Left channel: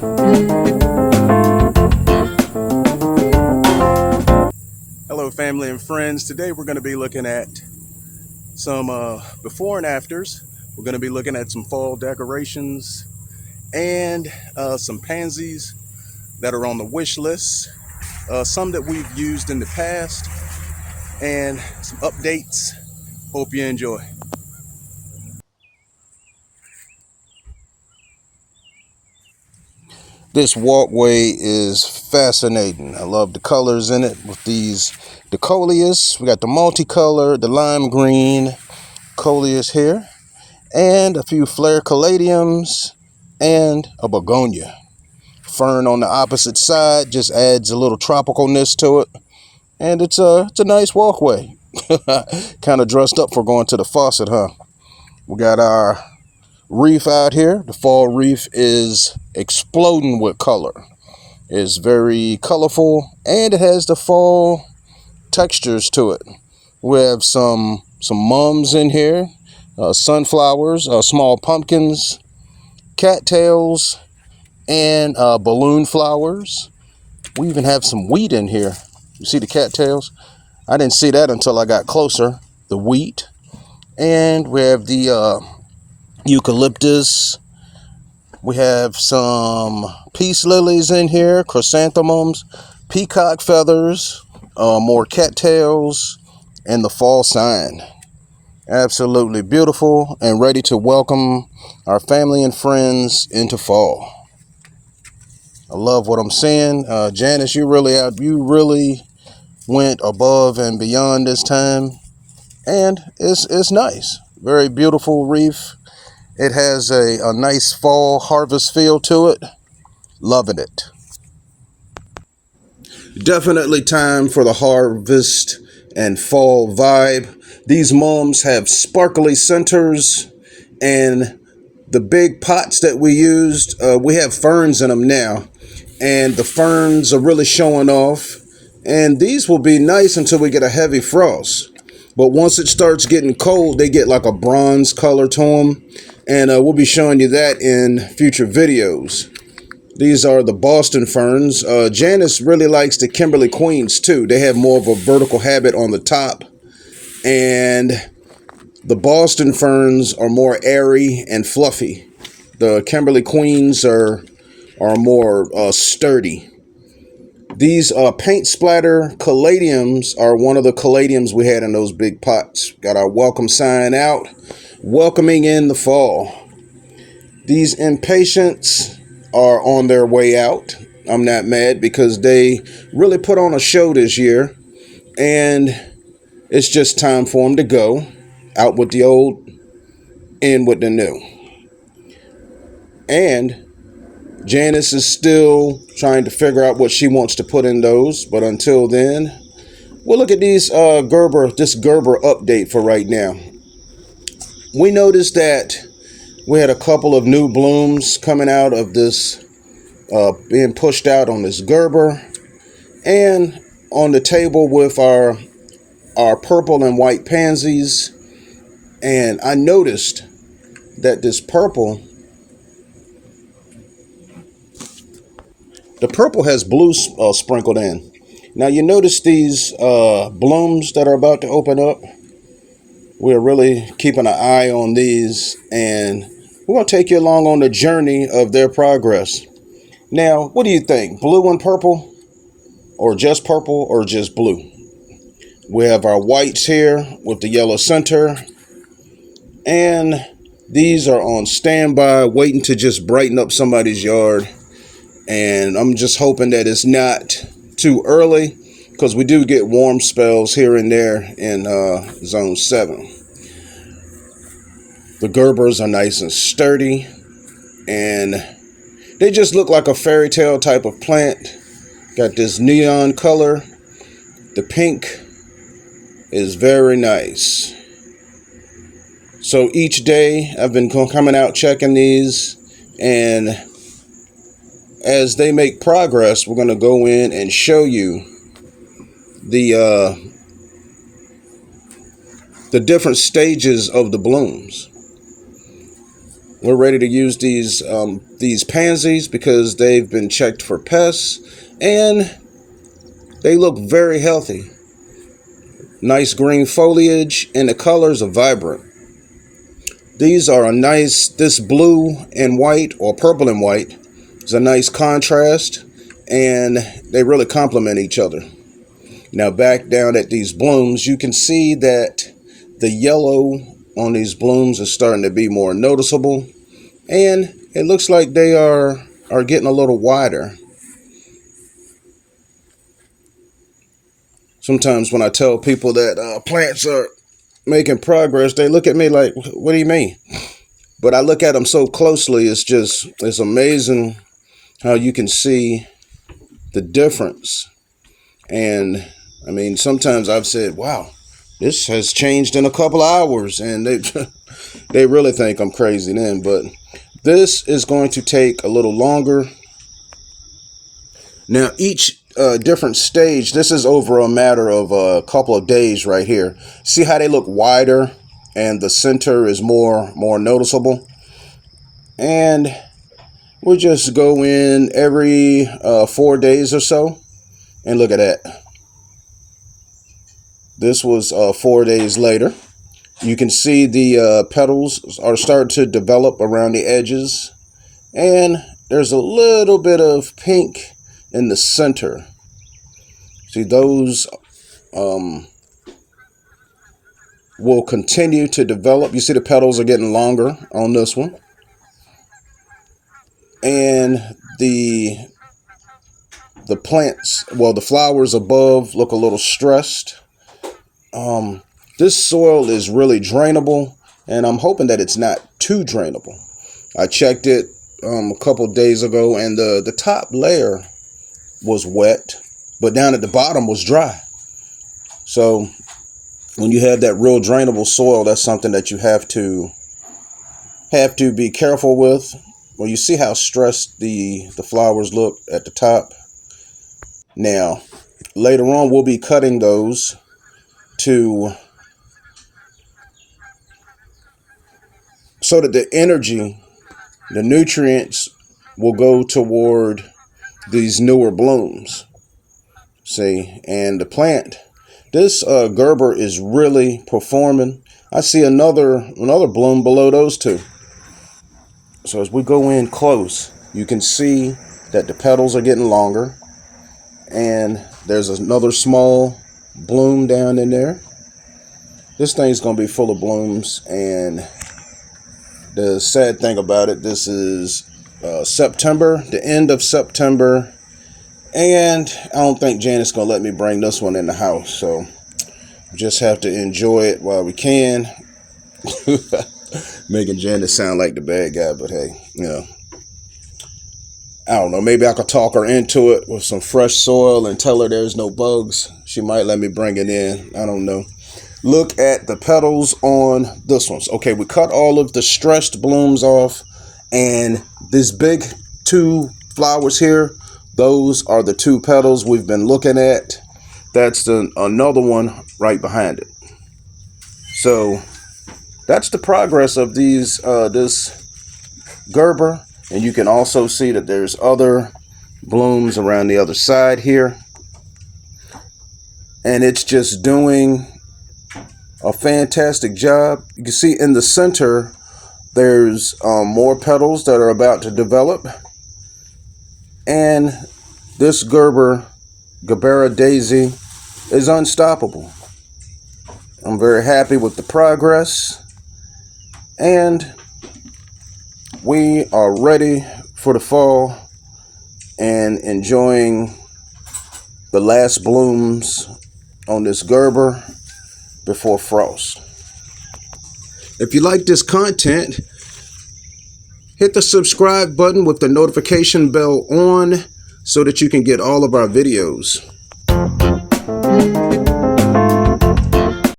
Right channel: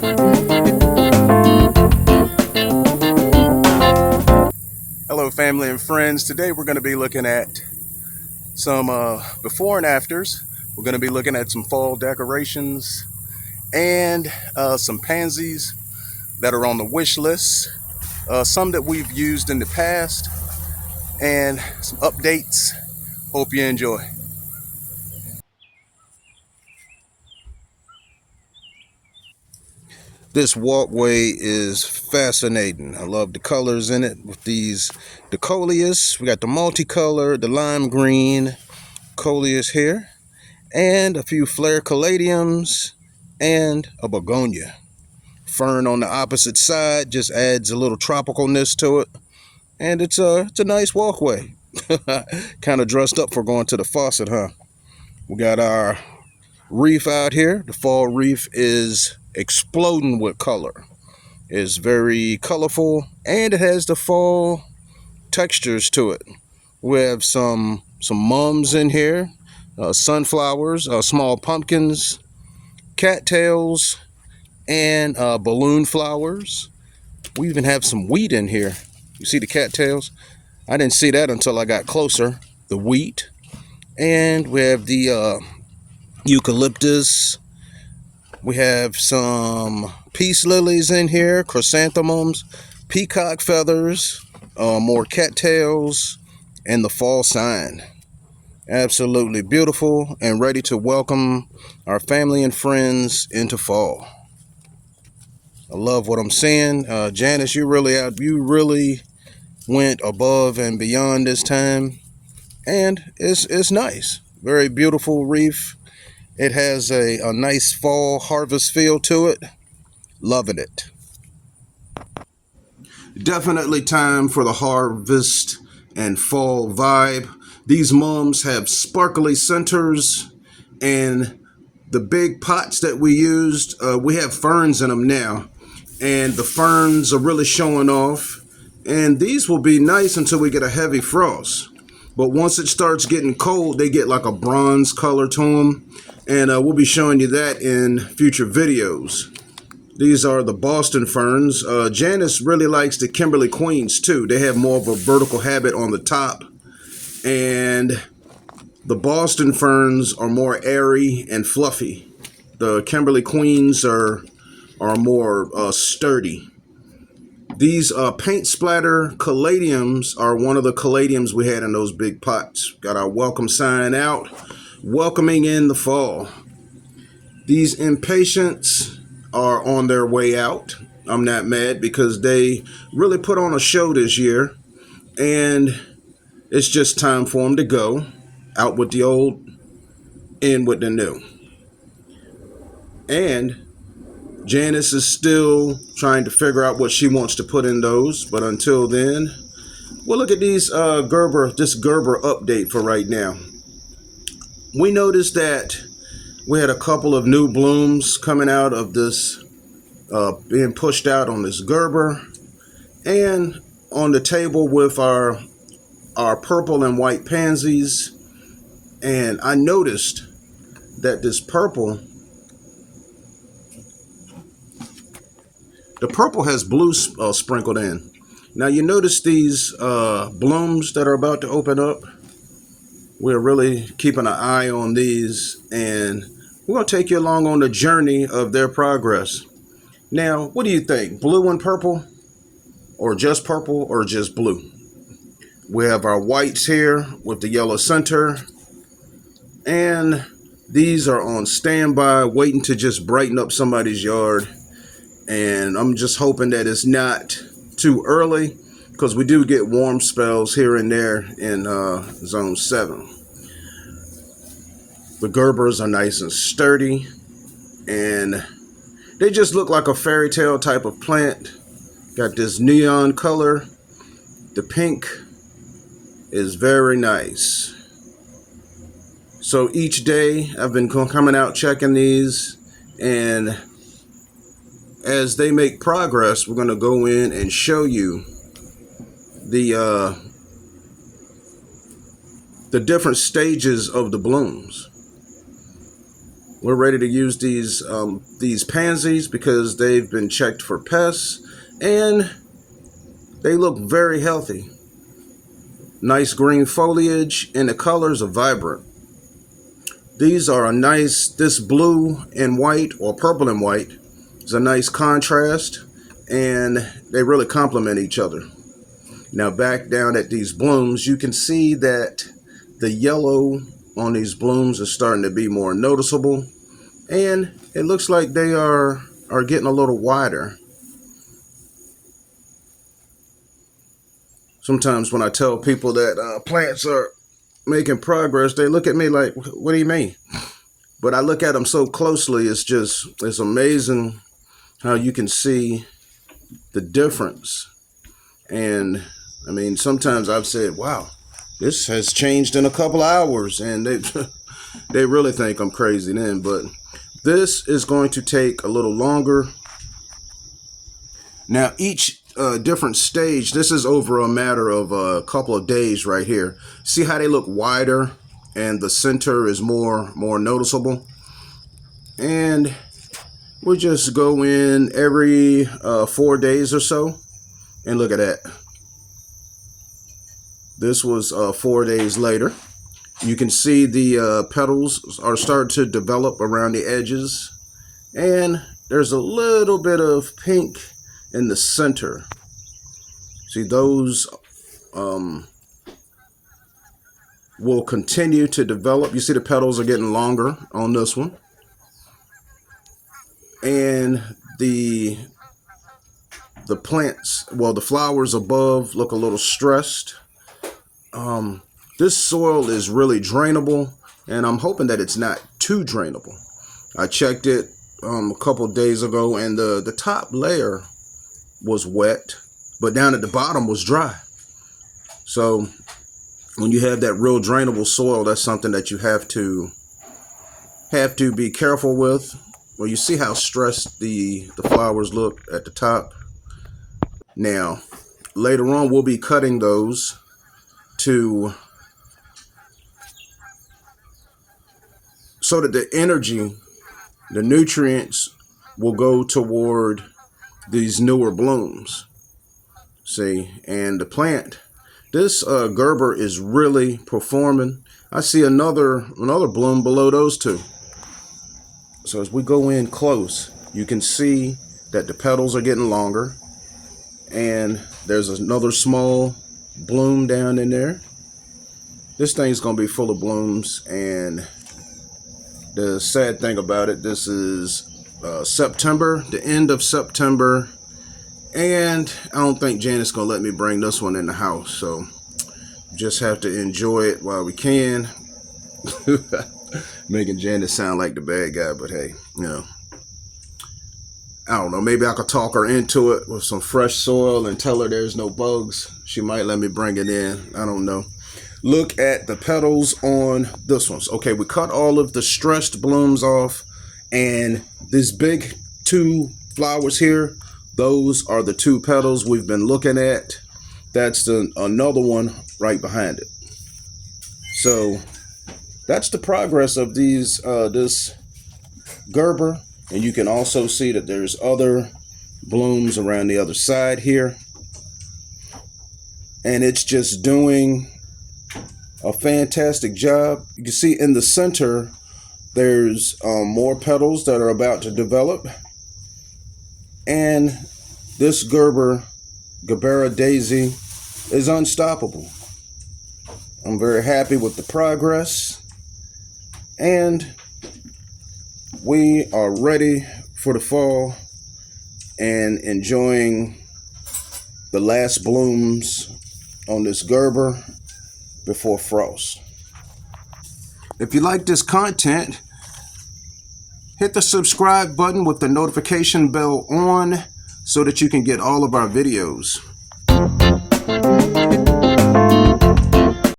Hello family and friends. Today we're going to be looking at some before and afters. We're going to be looking at some fall decorations and some pansies that are on the wish list, some that we've used in the past, and some updates. Hope you enjoy. This walkway is fascinating. I love the colors in it with these the coleus. We got the multicolor, the lime green coleus here, and a few flare caladiums and a begonia. Fern on the opposite side just adds a little tropicalness to it, and it's a nice walkway. Kind of dressed up for going to the faucet, huh? We got our reef out here. The fall reef is exploding with color. It's very colorful and it has the fall textures to it. We have some mums in here, sunflowers, small pumpkins, cattails, and balloon flowers. We even have some wheat in here. You see the cattails? I didn't see that until I got closer. The wheat. And we have the eucalyptus. We have some peace lilies in here, chrysanthemums, peacock feathers, more cattails, and the fall sign. Absolutely beautiful and ready to welcome our family and friends into fall. I love what I'm seeing. Janice, you really went above and beyond this time, and it's nice. Very beautiful reef. It has a nice fall harvest feel to it. Loving it. Definitely time for the harvest and fall vibe. These mums have sparkly centers, and the big pots that we used, we have ferns in them now, and the ferns are really showing off. And these will be nice until we get a heavy frost. But once it starts getting cold, they get like a bronze color to them. And we'll be showing you that in future videos. These are the Boston ferns. Janice really likes the Kimberly Queens too. They have more of a vertical habit on the top. And the Boston ferns are more airy and fluffy. The Kimberly Queens are more sturdy. These paint splatter caladiums are one of the caladiums we had in those big pots. Got our welcome sign out, welcoming in the fall. These impatiens are on their way out. I'm not mad because they really put on a show this year, and it's just time for them to go. Out with the old, in with the new. And Janice is still trying to figure out what she wants to put in those, but until then, we'll look at these this Gerber update for right now. We noticed that we had a couple of new blooms coming out of this, being pushed out on this Gerber, and on the table with our purple and white pansies. And I noticed that this purple, the purple has blue sprinkled in. Now you notice these blooms that are about to open up. We're really keeping an eye on these, and we're going to take you along on the journey of their progress. Now, what do you think? Blue and purple? Or just purple or just blue? We have our whites here with the yellow center. And these are on standby, waiting to just brighten up somebody's yard. And I'm just hoping that it's not too early, because we do get warm spells here and there in zone 7. The Gerbers are nice and sturdy, and they just look like a fairy tale type of plant. Got this neon color. The pink is very nice. So each day I've been coming out checking these, and as they make progress, we're going to go in and show you the different stages of the blooms. We're ready to use these pansies because they've been checked for pests and they look very healthy. Nice green foliage and the colors are vibrant. These are a nice, this blue and white or purple and white is a nice contrast and they really complement each other. Now back down at these blooms, you can see that the yellow on these blooms is starting to be more noticeable and it looks like they are getting a little wider. Sometimes when I tell people that plants are making progress, they look at me like, what do you mean? But I look at them so closely, it's amazing how you can see the difference. And I mean, sometimes I've said, wow, this has changed in a couple of hours, and they really think I'm crazy then. But this is going to take a little longer. Now, each different stage, this is over a matter of a couple of days right here. See how they look wider and the center is more noticeable? And we'll just go in every 4 days or so and look at that. This was 4 days later. You can see the petals are starting to develop around the edges, and there's a little bit of pink in the center. See, those will continue to develop. You see the petals are getting longer on this one. And the plants, well, the flowers above look a little stressed. This soil is really drainable, and I'm hoping that it's not too drainable. I checked it a couple days ago, and the top layer was wet, but down at the bottom was dry. So when you have that real drainable soil, that's something that you have to be careful with. Well, you see how stressed the flowers look at the top. Now, later on, we'll be cutting those so that the energy, the nutrients will go toward these newer blooms. See, and the plant, this Gerber is really performing. I see another bloom below those two. So as we go in close, you can see that the petals are getting longer, and there's another small bloom down in there. This thing's gonna be full of blooms, and the sad thing about it, this is September, the end of September, and I don't think Janet's gonna let me bring this one in the house, so just have to enjoy it while we can. Making Janet sound like the bad guy, but hey, you know, I don't know, maybe I could talk her into it with some fresh soil and tell her there's no bugs. She might let me bring it in. I don't know. Look at the petals on this one. Okay, we cut all of the stressed blooms off, and these big two flowers here, those are the two petals we've been looking at. That's another one right behind it. So that's the progress of this Gerber, and you can also see that there's other blooms around the other side here, and it's just doing a fantastic job. You can see in the center there's more petals that are about to develop, and this Gerbera daisy is unstoppable. I'm very happy with the progress, and we are ready for the fall and enjoying the last blooms on this Gerber before frost. If you like this content, hit the subscribe button with the notification bell on so that you can get all of our videos.